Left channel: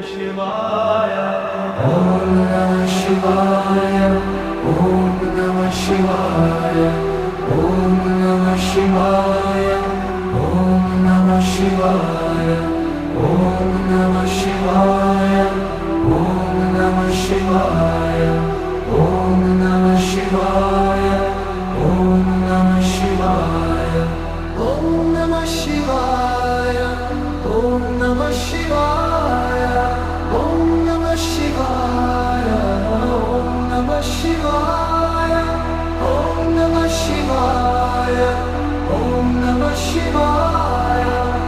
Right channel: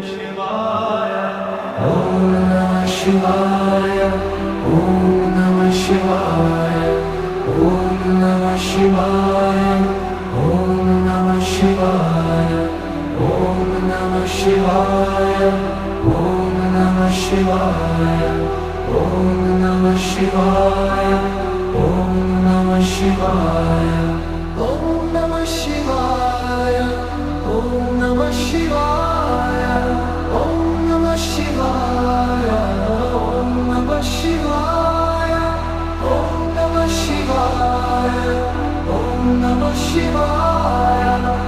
शिवाय Om Namah Shivaya. Om Namah Shivaya. Om Namah Shivaya. Om Namah Shivaya. Om Namah Shivaya. Om Namah Shivaya. Om Namah Shivaya. Om Namah Shivaya. Om Namah Shivaya. Om Namah Shivaya. Om Namah Shivaya. Om Namah Shivaya. Om Namah Shivaya. Om Namah Shivaya.